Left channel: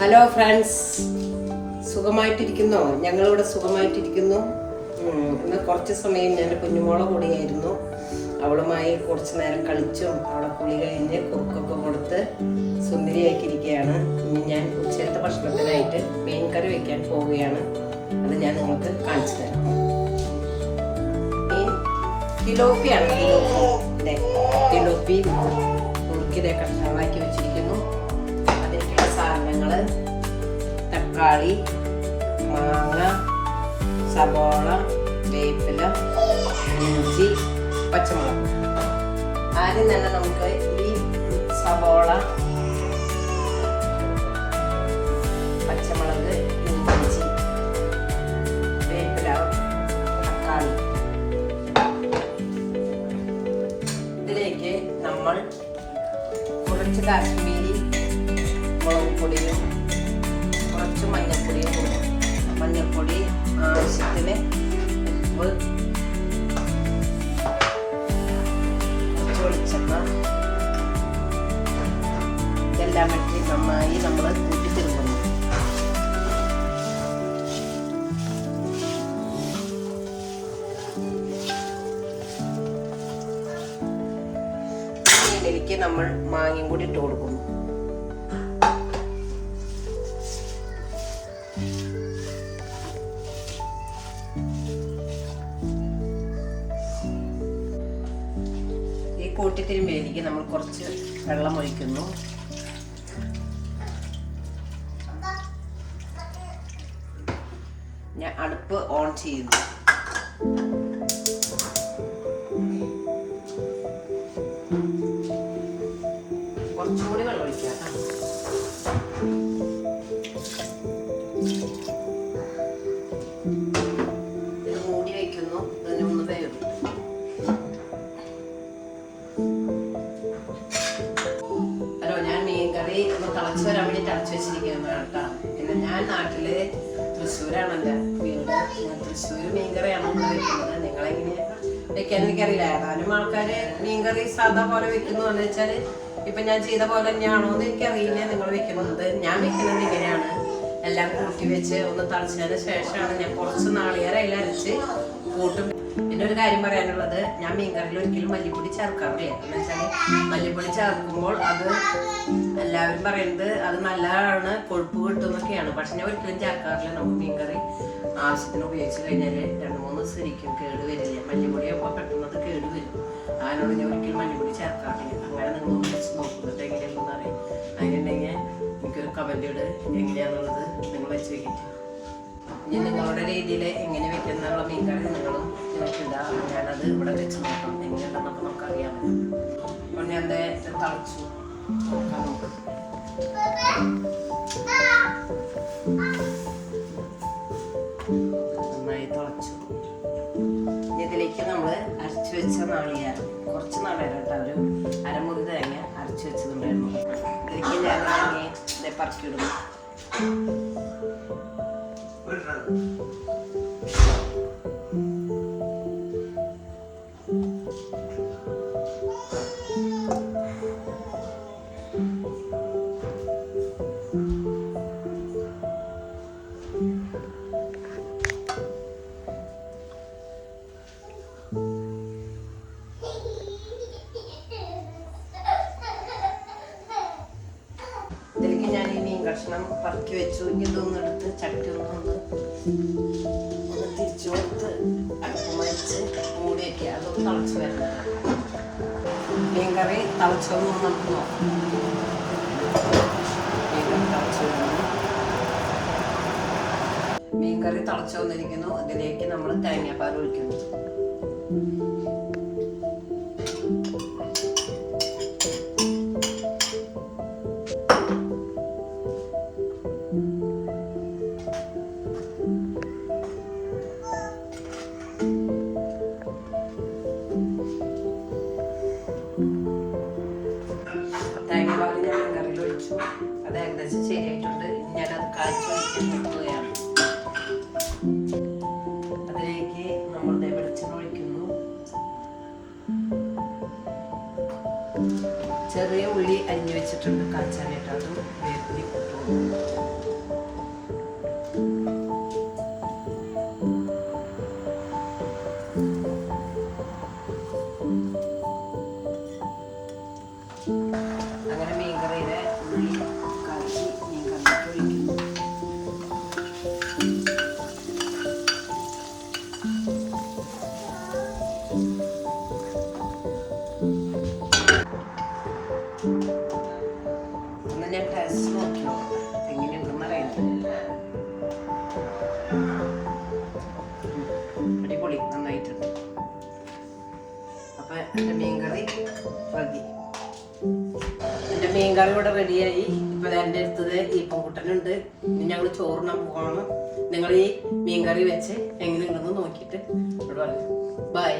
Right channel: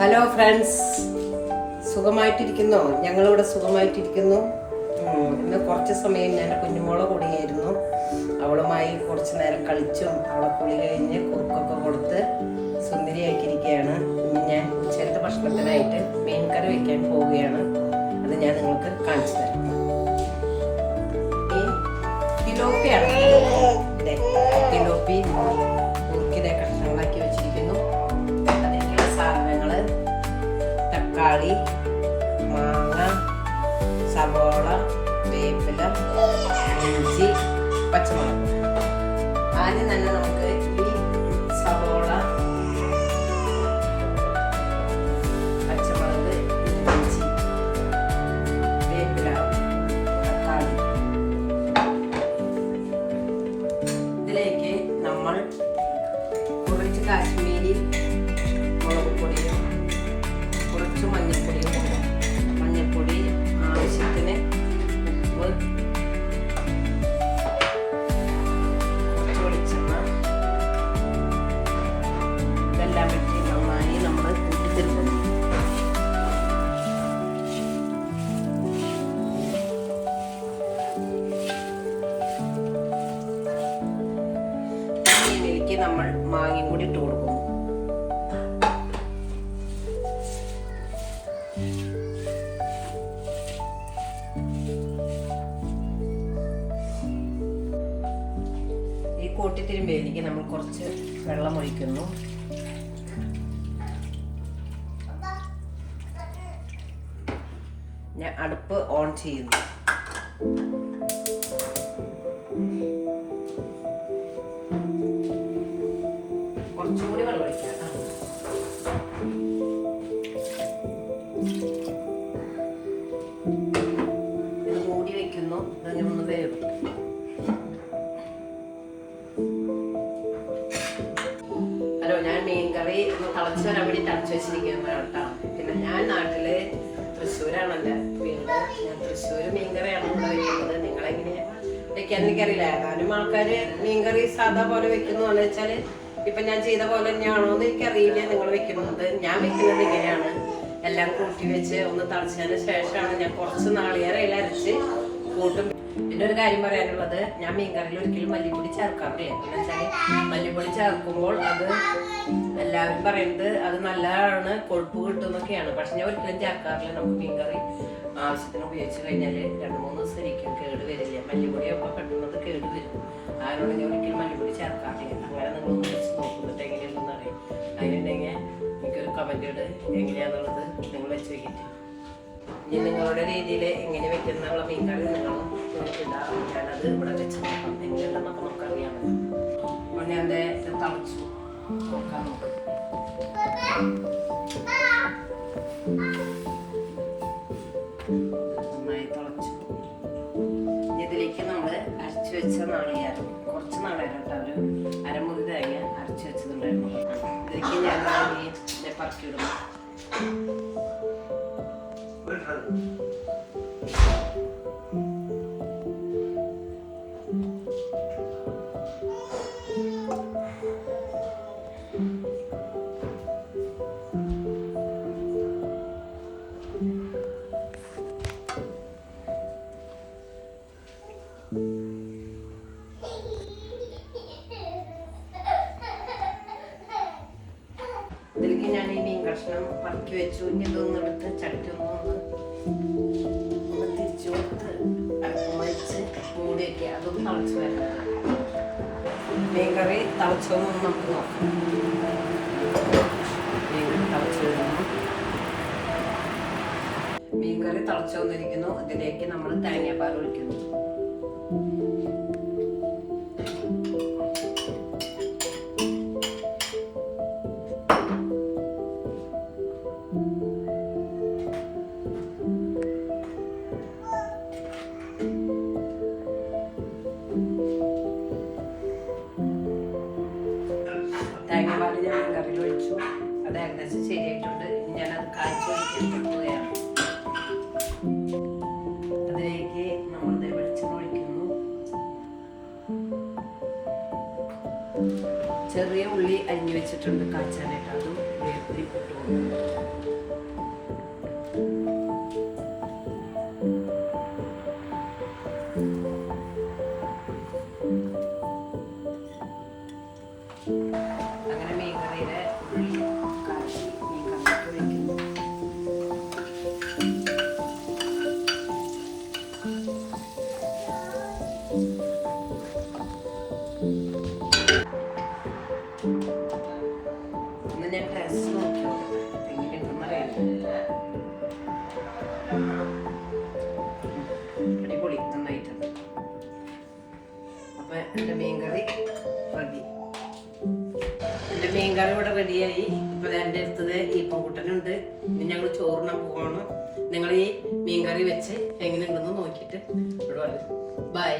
Hello friends, സുഖമായിട്ടിരിക്കുന്നോ? ഞങ്ങളിവിടെ സുഖമായിട്ടിരിക്കുന്നു. ഇന്ന് കുറച്ച് സമയം ഞാൻ എൻ്റെ കുഞ്ഞുമോളെ കൂടിയായിരുന്നു. അവളുമായി കുറച്ച് നേരം കളിച്ചും അവളെ കുളി കഴിഞ്ഞ് കുറുക്കൊക്കെ കൊടുത്ത് സുന്ദരിയാക്കിയിരിക്കുകയാണ്. ഇനി ഞാൻ ഉച്ചത്തെ ഭക്ഷണത്തിനായിട്ട് മീൻ കറി വയ്ക്കാൻ പോവുകയാണ്. അത് ഞാൻ നിങ്ങൾക്ക് കാണിച്ചു തരാം. മീൻ തിലോപ്പിയാണ്. തിലോപ്പി കുറുക്കിനെ കഷ്ണങ്ങളാക്കി വെച്ചിരിക്കുന്നു. അതിലേക്കുള്ള സാധനങ്ങൾ: തക്കാളി, മാങ്ങ, സബോള, വേപ്പില, ഇഞ്ചി, പച്ചമുളക്. ആദ്യം തന്നെ നമുക്ക് ഈ സബോള, പച്ചമുളക്, ഇഞ്ചി, വേപ്പില, തക്കാളി, ഇതിലേക്ക് നമ്മൾ കുറച്ച് കാശ്മീരി മുളക് പൊടിയും കുറച്ച് മഞ്ഞൾപ്പൊടിയും കൊടുക്കും. മഞ്ഞൾപ്പൊടി ആവശ്യത്തിന്, കുറച്ച് വെളിച്ചെണ്ണ, ഇതെല്ലാം ഇട്ട് നന്നായി നമ്മൾ കൂട്ടിത്തിരുക്കുന്നു. ഇതിലേക്ക് നമ്മൾ മാങ്ങയും കൂടി ഇട്ട് കൊടുക്കുന്നു. ഈ കൂട്ടിത്തിരുമ്പയിലേക്ക് നമ്മൾ കുറച്ച് വെള്ളം ഒഴിക്കുന്നു. ഞാൻ അടുപ്പ് ഓൺ ചെയ്യുന്നു. കുറച്ചുകൂടി വെള്ളം ഒഴിക്കാം. ഇത് മൂടി വയ്ക്കുന്നു. ഇതിന് ഒന്ന് വേവും. ഹലോ, ഞാൻ മീൻ കറി ഒന്ന് തിളച്ച് വരാൻ വേണ്ടി തിളച്ച് വെച്ചിരിക്കുന്നതാണ് കേട്ടോ. പിന്നെ ഞാൻ നാട്ടില് തൃശ്ശൂരാണ് എൻ്റെ വീട്. ഞാൻ തൃശ്ശൂർ മീൻ കറിയാണ് ഇവിടെ വെക്കുന്നത്. നിങ്ങളെങ്ങനെ വെക്കാൻ എനിക്കറിയില്ല. ഏതായാലും ആൾക്കാര് മീൻ കറി സാധാ പോലെ വെക്കുന്നതെന്ന് വെച്ചാൽ ഇപ്പൊ ഞാൻ ചെയ്ത പോലെ തന്നെയാണോ എന്ന് എനിക്കറിയില്ല. നിങ്ങൾ വെക്കുന്നത്, ഞാൻ വെക്കുന്നത് ഇങ്ങനെയാണ്. എല്ലാം കൂട്ടി വെച്ച് ഒന്ന് തളിച്ചതിന് ശേഷമാണ് ഞാൻ കുറച്ച് നാളികേരം അരച്ച് കൂട്ടും. പിന്നെ ഒരു കാര്യം പറയാനുള്ളത്, ഞാൻ മീൻകറിയിൽ ഒരിക്കലും മല്ലിപ്പൊടി ചേർക്കാറില്ല. എന്ന് വെച്ചാൽ മല്ലിപ്പൊടി ചേർക്കുമ്പോൾ അത് എല്ലാവരും പറയുന്നത് അത് നല്ലതാണ്, കൊഴുപ്പ് കിട്ടുന്നൊക്കെയാണ്. പക്ഷെ ഞാൻ ഒരിക്കലും ചേർക്കാറില്ല. നമുക്ക് മീൻകറി ആവശ്യത്തിന് ഉപയോഗിച്ച് കഴിഞ്ഞാൽ 2-3 ദിവസം ഇരിക്കും, കേട് വരില്ല. മല്ലിപ്പൊടിയൊക്കെ പെട്ടെന്നത് കേട് വരും. അതിനോട് ഞാൻ ഒരിക്കലും മല്ലിപ്പൊടി ചേർക്കാറില്ല. അങ്ങനെ നിങ്ങളൊന്ന് വെച്ച് നോക്കുന്നത് എങ്ങനെയാണെന്ന് അറിയാം. അതിനുണ്ടെങ്കിൽ എനിക്കൊരു കമന്റ് ഇട്, എങ്ങനെയാണെന്നുള്ളത് നിങ്ങൾ വെച്ച് വെക്കിട്ട്. ഇനി നിങ്ങളുടെ രീതിയിൽ എങ്ങനെ വെക്കുന്നുള്ള മീൻകറി നിങ്ങളും ഇടാം. ഞാനത് ഇവിടെ വെച്ച് നോക്കാം എങ്ങനെയുണ്ടെന്നൊക്കെ നമുക്കറിയാമല്ലോ. അപ്പോൾ ഞാൻ തളിച്ചു നോക്കാൻ നോക്കും. നന്നായി തിളച്ചു. ഇതിലേക്ക് നമ്മൾ അരച്ചു വെച്ച നാളികേരം, കുറച്ച് നാളികേരം കേട്ടോ, ഒരു അരമുറി തേങ്ങ അരച്ചു വെച്ചതുണ്ടായിരുന്നു. ഇതിലേക്ക് ഞാൻ തേങ്ങ പറക്കിയിടുന്നു. ഇതിലേക്ക് ഞാൻ ഈ മീൻ കഷ്ണം പറക്കി വെച്ചു. ഇതൊന്നെടുത്ത് ചട്ടി ഒന്ന് തിരിച്ചു കൊടുത്ത് മരിച്ച് മൂടി വയ്ക്കുക. അതൊന്ന് തിളച്ച് വരുന്നത്. മീൻ കറി തിളച്ചൊന്നും നമുക്ക് നോക്കാം. മീൻ കറി തിളച്ചു വന്നിരിക്കുന്നു. ഇതിലേക്ക് നമ്മൾ തേങ്ങാപ്പാൽ ഒഴിക്കുന്നു. തേങ്ങാപ്പാൽ ഞാൻ കറിയിൽ ഒഴിച്ചു. അത് ഏകദേശം ശരിയായിട്ടുണ്ട്. ഇനി ഞാനത് കാഴ്ച വെക്കുകയാണ്. അതിലേക്ക് നമ്മൾ വെളിച്ചെണ്ണ ഒഴിക്കുന്നു. ചെറിയ ഉള്ളി അരിഞ്ഞു വെച്ചിട്ടുണ്ട് കാച്ചാനായിട്ട്, അതും വേപ്പിലി ഇട്ടു. ഒന്ന് ഞാൻ ടേസ്റ്റ് നോക്കി നോക്കട്ടെ എങ്ങനെയുണ്ടെന്ന് അറിയണ്ട. അടിപൊളി, നന്നായിട്ടുണ്ട്. അപ്പൊ എൻ്റെ മീൻകറി റെഡി. എൻ്റെ മീൻകറി ഇവിടെ റെഡിയായി. ഇപ്പൊ എൻ്റെ അടുത്തത് ഈ പൂക്കുട്ടനുണ്ട്. ഇനി ഞങ്ങൾ ചോറിനാൻ പോവാണ്. നിങ്ങൾ ഈ മീൻകറി വെച്ച് എങ്ങനെയുണ്ടെന്ന് നോക്കിയിട്ട് ഇവിടെ പറയും. ബൈ.